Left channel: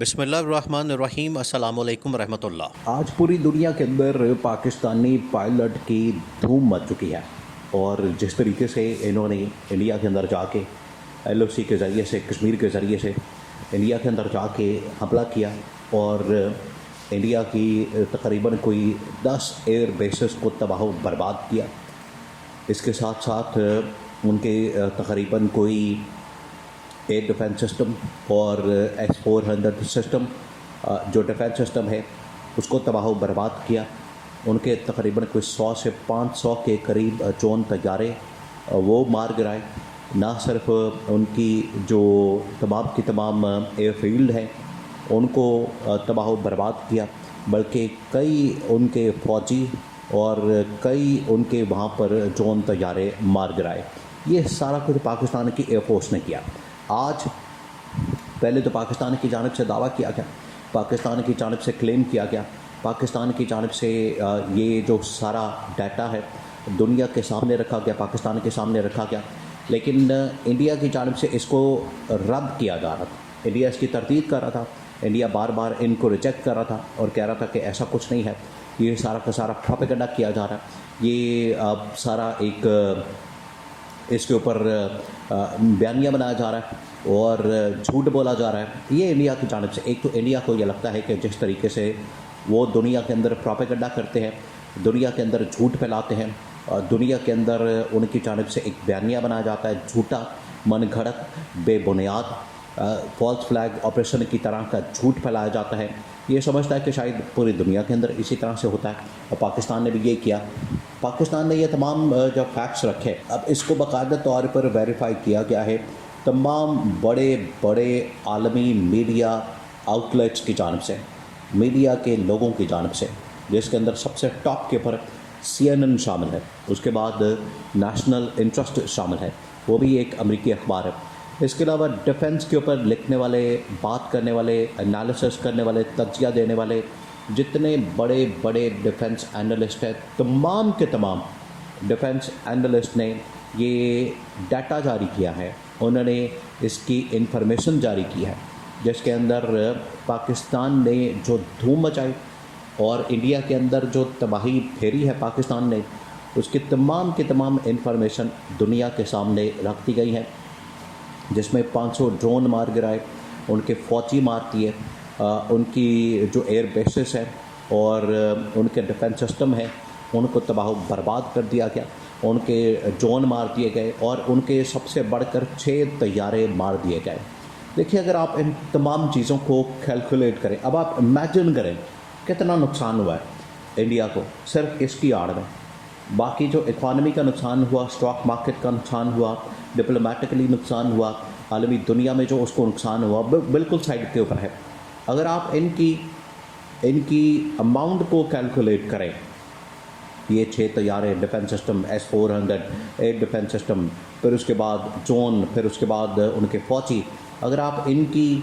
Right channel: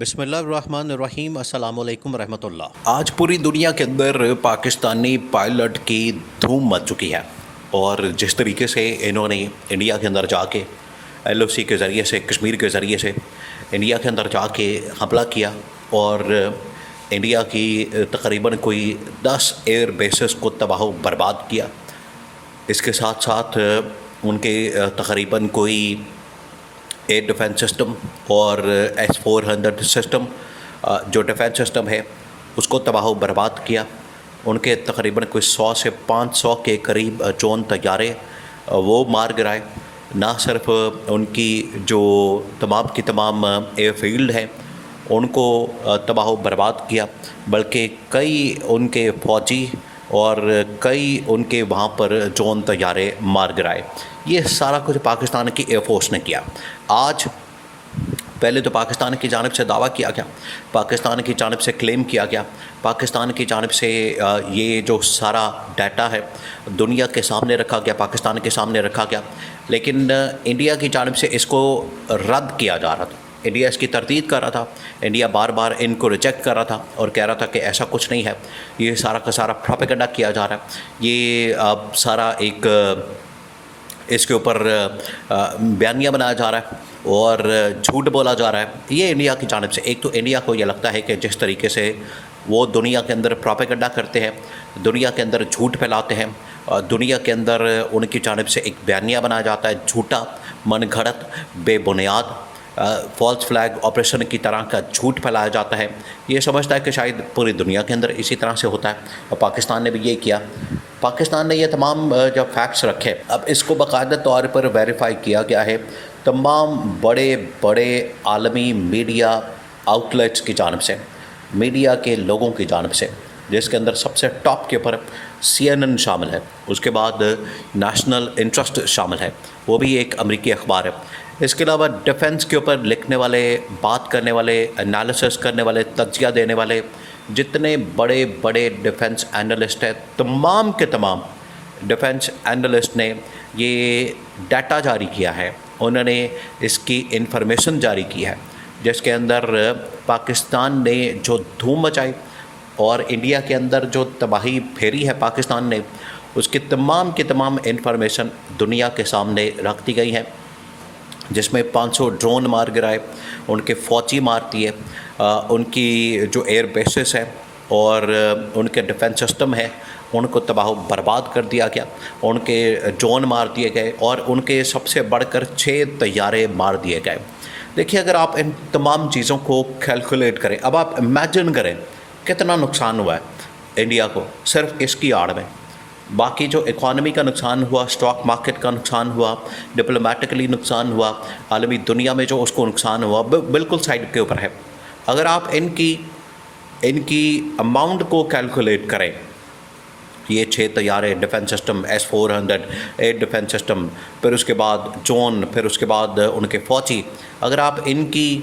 بسم اللہ الرحمن الرحیم، السلام علیکم ورحمۃ اللہ۔ آج پوری دنیا کے اندر پاکستانی پائلٹ کی دھوم مچ چکی ہے، اور جس طریقے سے انہوں نے انڈیا کے اندر جا کے ایل او سی کے ذریعے سے، کشمیر کے ذریعے سے انڈیا کے اندر جا کے حملہ کیا اور انڈیا کی تقریباً کوئی 10 ایئر بیسز کو تباہ و برباد کیا۔ اس کے ساتھ ساتھ ان کے تقریباً کوئی ایئر ڈیفنس سسٹم اور S-400 سسٹم جو ڈیفنس سسٹم ہے اس کو تباہ و برباد کیا۔ ان کے تقریباً کوئی 100 سے 500 کے قریب ڈرون طیارے وہ مار گرائے۔ نہ صرف ان کی جو تمام کی تمام ایئر فیلڈ ہیں ان کو تباہ و برباد کیا، بلکہ کئی ان کے فوجی اور کئی ان کے وہاں پر ڈرون طیارے مار گرائے۔ یہ سارا کچھ پاکستان کی ایئر فورس نے کیا۔ آج پہلے تو پاکستان کی جانب سے دعویٰ کیا گیا، پاکستان کی جانب سے کلیم کیا گیا، پاکستان کی جانب سے یہ جو سارا ڈیٹا ہے دنیا کے سامنے رکھا گیا، پاکستان کے سامنے رکھا گیا، لیکن انڈیا کی جانب سے اس کو رد کیا جا رہا تھا۔ انڈیا اس کی تردید کر رہا تھا، انڈیا بار بار ان کو ریجیکٹ کر رہا تھا اور کہہ رہا تھا کہ ایسا کچھ نہیں ہے، یہ سارا کا سارا پروپیگنڈا کیا جا رہا ہے، یہ سارا ایک اس کے اوپر بیانیہ بنایا جا رہا ہے اور جھوٹ بولا جا رہا ہے۔ یہ انڈیا کی جانب سے، ایک تو انڈیا کو یہ لگتا ہے کہ جس طریقے سے وہ دنیا کے اندر پروپیگنڈا کرتے ہیں، دنیا کے اندر جھوٹ پھیلاتے ہیں، دنیا کے اندر ان کی جانب سے ایک بیانیہ بنایا جاتا ہے، جھوٹا، من گھڑت، بے بنیاد، فالس فلیگ آپریشن کی طرح کا جھوٹ پھیلایا جاتا ہے۔ یہ سمجھتا ہے کہ شاید پوری دنیا کے اندر اسی طرح سے ہوتا ہے، اور پاکستان نے بھی یہ کیا۔ پاکستان نے یہ تمام جب فیکٹس رکھے، اب اس کو باقاعدہ طور پر ویریفائی کیا گیا ہے تمام بڑے بڑے عالمی میڈیا آؤٹلیٹس کی جانب سے، میڈیا کے لوگوں کی جانب سے، جس کے اندر سب سے ٹاپ کے اوپر CNN شامل ہے، اس کے بعد نیشنل انٹرسٹ شامل ہے، وہ بھی ایک امریکی اخبار ہے۔ اس کے علاوہ ڈیفنس کے اوپر لکھنے والے، بات کرنے والے، انالیسس کرنے والے، تجزیہ دینے والے جتنے بڑے بڑے ڈیفنس اینالسٹ ہیں، تمام کے تمام ڈیفنس اینالسٹ نے یہ ڈیٹا جاری کیا ہے، انہوں نے اس کی انفارمیشن جاری کی ہے، جس کے اندر پاکستان نے جو دھوم مچائی اور انڈیا کے اندر جو تباہی پھیری ہے پاکستان نے، اس کی تمام انفارمیشن دنیا کے سامنے رکھ دی گئی ہیں، جس میں 500 ڈرون مار گرائے، ان کے فوجی مار دیے، ان کی جو ایئر بیسز ہیں اور ان کے ڈیفنس سسٹم ہیں ان کو تباہ و برباد کر دیا گیا، ان کے ڈرون مار دیے گئے اور ان کے سب سے بڑھ کر 6 طیارے مار دیے گئے۔ دیکھیے، اگر آپ ان تمام چیزوں کو کیلکولیٹ کریں، اب آپ امیجن کریں کتنا نقصان ہوا ہے انڈیا کو صرف اس کی آڑ میں۔ باقی جو اکانومی کا نقصان ہوا، اسٹاک مارکیٹ کا نقصان ہوا، ڈپلومیٹکلی نقصان ہوا، عالمی دنیا میں جو اس کو نقصان ہوا، بالکل سائڈ کے اوپر ہے۔ اگر آپ ان کی اماؤنٹ کو کیلکولیٹ کریں، یہ 6 طیارے، defence system S-400 air defence system, پھر اس کے بعد ڈرون، پھر اس کے بعد ان کے فوجی، اگر آپ ان کی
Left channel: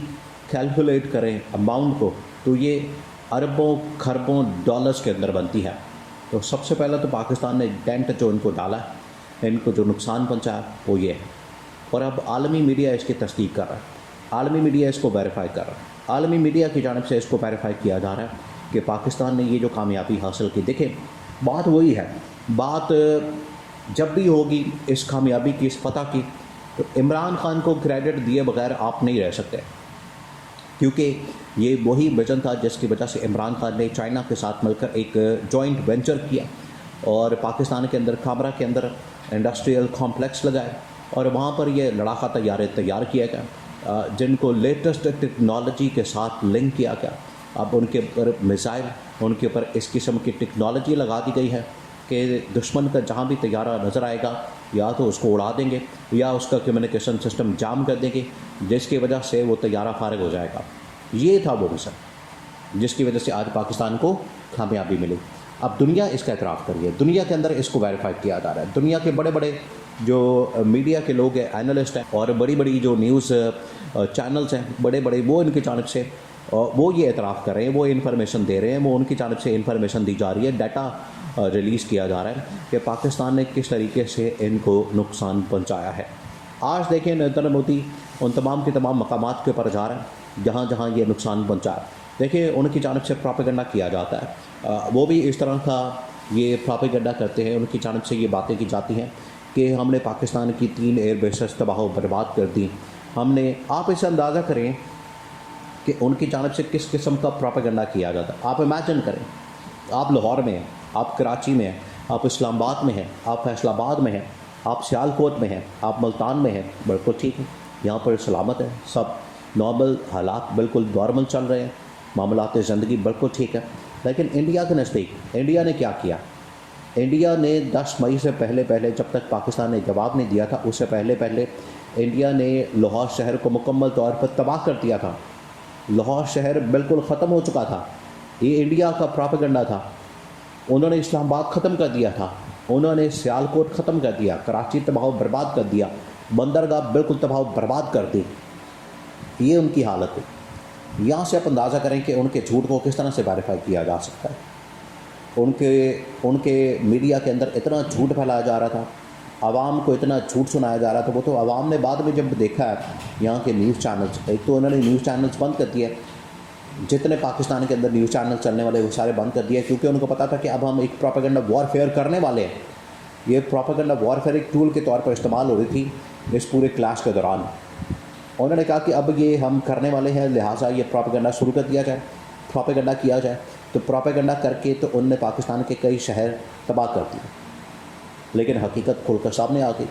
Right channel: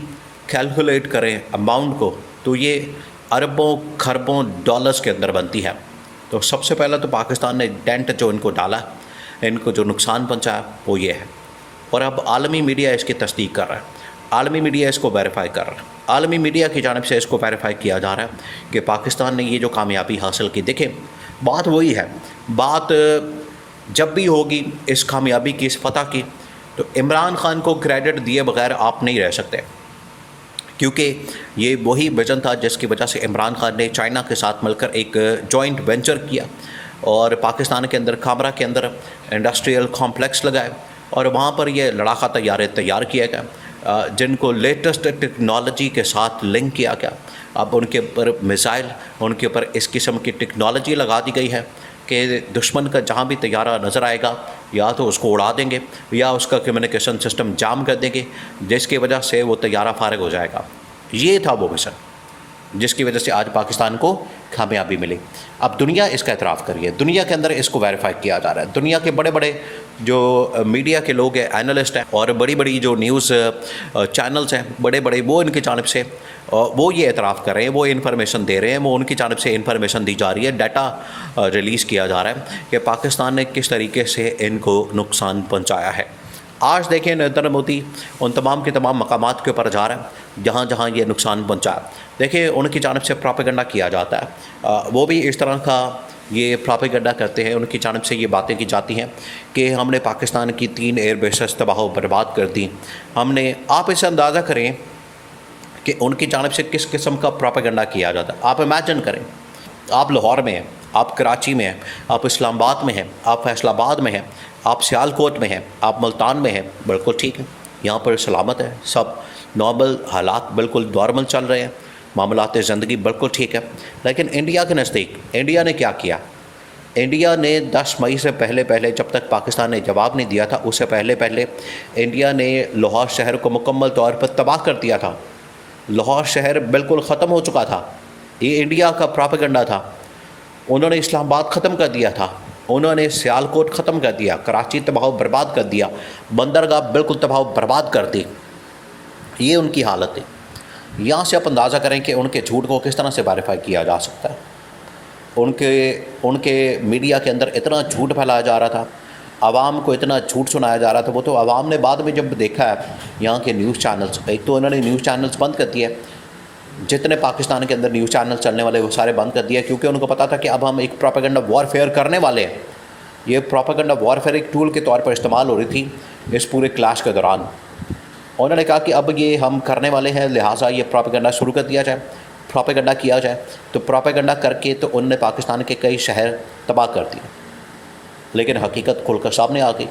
کیلکولیٹ کریں اماؤنٹ کو، تو یہ اربوں کھربوں ڈالرز کے اندر بنتی ہے۔ تو سب سے پہلا تو پاکستان نے ڈینٹ جو ان کو ڈالا، ان کو جو نقصان پہنچایا وہ یہ ہے، اور اب عالمی میڈیا اس کی تصدیق کر رہا ہے، عالمی میڈیا اس کو ویریفائی کر رہا ہے، عالمی میڈیا کی جانب سے اس کو ویریفائی کیا جا رہا ہے کہ پاکستان نے یہ جو کامیابی حاصل کی۔ دیکھیں، بات وہی ہے، بات جب بھی ہوگی اس کامیابی کی، اس فتح کی، تو عمران خان کو کریڈٹ دیے بغیر آپ نہیں رہ سکتے، کیونکہ یہ وہی ویژن تھا جس کی وجہ سے عمران خان نے چائنا کے ساتھ مل کر ایک جوائنٹ وینچر کیا اور پاکستان کے اندر، کھامرا کے اندر انڈسٹریل کمپلیکس لگائے، اور وہاں پر یہ لڑاکا طیارے تیار کیے گئے جن کو لیٹسٹ ٹیکنالوجی کے ساتھ لنک کیا گیا۔ اب ان کے اوپر میزائل، ان کے اوپر اس قسم کی ٹیکنالوجی لگا دی گئی ہے کہ دشمن کا جہاں بھی طیارہ نظر آئے گا یا تو اس کو اڑا دیں گے یا اس کا کمیونیکیشن سسٹم جام کر دیں گے، جس کی وجہ سے وہ طیارہ فارغ ہو جائے گا۔ یہ تھا وہ مشن جس کی وجہ سے آج پاکستان کو کامیابی ملی۔ اب دنیا اس کا اعتراف کر رہی ہے، دنیا کے اندر اس کو ویریفائی کیا جا رہا ہے، دنیا کے بڑے بڑے جو میڈیا کے لوگ ہیں، اینالسٹ ہیں، اور بڑی بڑی جو نیوز چینلز ہیں بڑے بڑے، وہ ان کی جانب سے وہ یہ اعتراف کر رہے ہیں، وہ انفارمیشن دے رہے ہیں، وہ ان کی جانب سے انفارمیشن دی جا رہی ہے، ڈیٹا ریلیز کیا جا رہا ہے کہ پاکستان نے کس طریقے سے ان کو نقصان پہنچایا ہے۔ آج دیکھیں نریندر مودی ان تمام کے تمام مقامات کے اوپر جا رہا ہے جہاں جہاں یہ نقصان پہنچا ہے۔ دیکھیں ان کی جانب سے پراپیگنڈا کیا جاتا ہے، وہ بھی اس طرح کا یہ پراپیگنڈا کرتے ہیں، ان کی جانب سے یہ باتیں کی جاتی ہیں کہ ہم نے پاکستان کی 3 ایئر بیسز تباہ و برباد کر دی۔ آپ اسے اندازہ کریں کہ ان کی جانب سے کس قسم کا پراپیگنڈا کیا جاتا ہے۔ آپ امیجن کریں، آپ لاہور میں ہیں، آپ کراچی میں ہیں، آپ اسلام آباد میں ہیں، آپ فیصل آباد میں ہیں، آپ سیالکوٹ میں ہیں، آپ ملتان میں ہیں، بالکل ٹھیک ہے، یہاں پر سلامت ہے، سب نارمل حالات بالکل نارمل چل رہے ہیں، معاملات زندگی بالکل ٹھیک ہے۔ لیکن انڈیا کے نزدیک انڈیا نے کیا کیا؟ انڈیا نے 10 مئی سے پہلے جب تک پاکستان نے جواب نہیں دیا تھا، اس سے پہلے انڈیا نے لاہور شہر کو مکمل طور پر تباہ کر دیا تھا۔ لاہور شہر بالکل ختم ہو چکا تھا، یہ انڈیا کا پراپیگنڈا تھا۔ انہوں نے اسلام آباد ختم کر دیا تھا، انہوں نے سیالکوٹ ختم کر دیا، کراچی تباہ و برباد کر دیا، بندرگاہ بالکل تباہ و برباد کر دی۔ یہ ان کی حالت ہے۔ یہاں سے آپ اندازہ کریں کہ ان کے جھوٹ کو کس طرح سے ویریفائی کیا جا سکتا ہے۔ ان کے میڈیا کے اندر اتنا جھوٹ پھیلایا جا رہا تھا، عوام کو اتنا جھوٹ سنایا جا رہا تھا، وہ تو عوام نے بعد میں جب دیکھا ہے یہاں کے نیوز چینلز، ایک تو انہوں نے نیوز چینلز بند کر دیے، جتنے پاکستان کے اندر نیوز چینل چلنے والے وہ سارے بند کر دیا، کیونکہ ان کو پتا تھا کہ اب ہم ایک پروپیگنڈا وارفیئر کرنے والے ہیں۔ یہ پروپیگنڈا وارفیئر ایک ٹول کے طور پر استعمال ہو رہی تھی اس پورے کلاش کے دوران۔ انہوں نے کہا کہ اب یہ ہم کرنے والے ہیں، لہٰذا یہ پروپیگنڈا شروع کر دیا جائے، پروپیگنڈا کیا جائے۔ تو پروپیگنڈا کر کے تو انہوں نے پاکستان کے کئی شہر تباہ کر دیے، لیکن حقیقت کھل کر سامنے آ گئی۔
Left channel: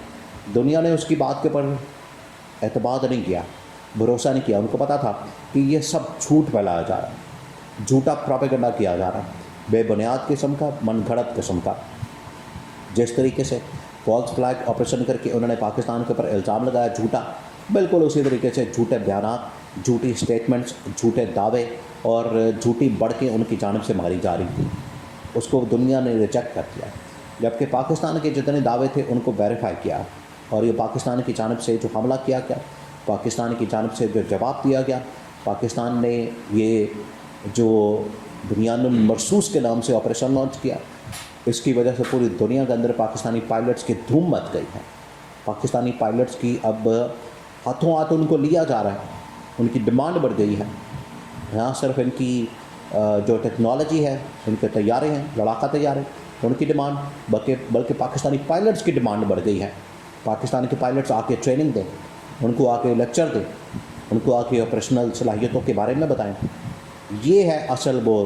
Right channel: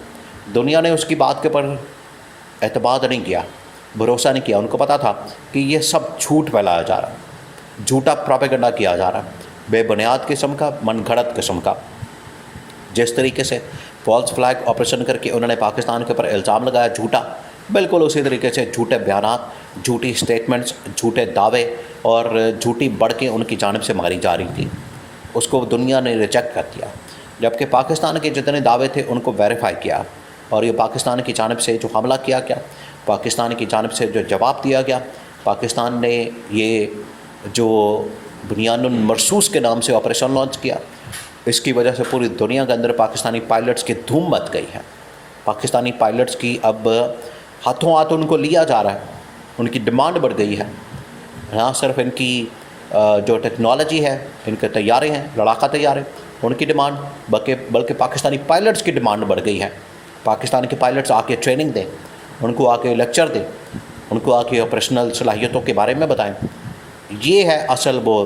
دنیا نے اس کی بات کے پر اعتماد نہیں کیا، بھروسہ نہیں کیا۔ ان کو پتا تھا کہ یہ سب جھوٹ پھیلایا جا رہا ہے، جھوٹا پروپیگنڈا کیا جا رہا ہے، بے بنیاد قسم کا، من گھڑت قسم کا۔ جس طریقے سے فالس فلیگ آپریشن کر کے انہوں نے پاکستان کے اوپر الزام لگایا جھوٹا، بالکل اسی طریقے سے جھوٹے بیانات، جھوٹی سٹیٹمنٹس، جھوٹے دعوے اور جھوٹی بڑھکیں ان کی جانب سے ماری جا رہی تھی۔ اس کو دنیا نے ریجیکٹ کر دیا، جبکہ پاکستان کے جتنے دعوے تھے ان کو ویریفائی کیا، اور یہ پاکستان کی جانب سے جو حملہ کیا گیا، پاکستان کی جانب سے جو جواب دیا گیا، پاکستان نے یہ جو بنیان المرصوص کے نام سے آپریشن لانچ کیا، اس کی وجہ سے پوری دنیا کے اندر پاکستانی پائلٹس کی دھوم مچ گئی ہے۔ پاکستانی پائلٹس کی اب ہاتھوں ہاتھ ان کو لیا جا رہا ہے، ان کی ڈیمانڈ بڑھ گئی ہے۔ نہ صرف ان کی جو ٹیکنالوجی ہے، ان کے طیارے ہیں، لڑاکا طیارے، ان کی ڈیمانڈ بلکہ پاکستانی پائلٹس کی ڈیمانڈ بڑھ گئی ہے۔ پاکستان کے پائلٹس آ کے ٹریننگ دیں، ان کو آ کے لیکچر دیں، ان کو آ کے آپریشنل صلاحیتوں کے بارے میں بتائیں۔ یہ ہے اصل وہ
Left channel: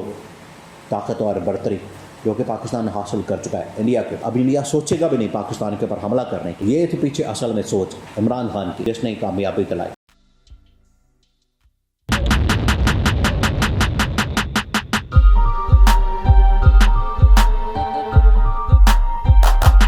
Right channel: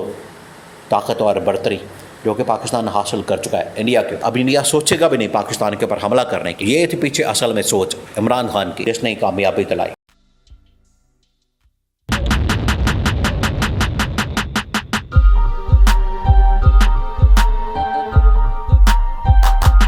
طاقت اور برتری جو کہ پاکستان حاصل کر چکا ہے انڈیا کے۔ اب انڈیا سوچے گا بھی نہیں پاکستان کے اوپر حملہ کرنے کی۔ یہ تھی پیچھے اصل میں سوچ عمران خان کی، جس نے کامیابی دلائی۔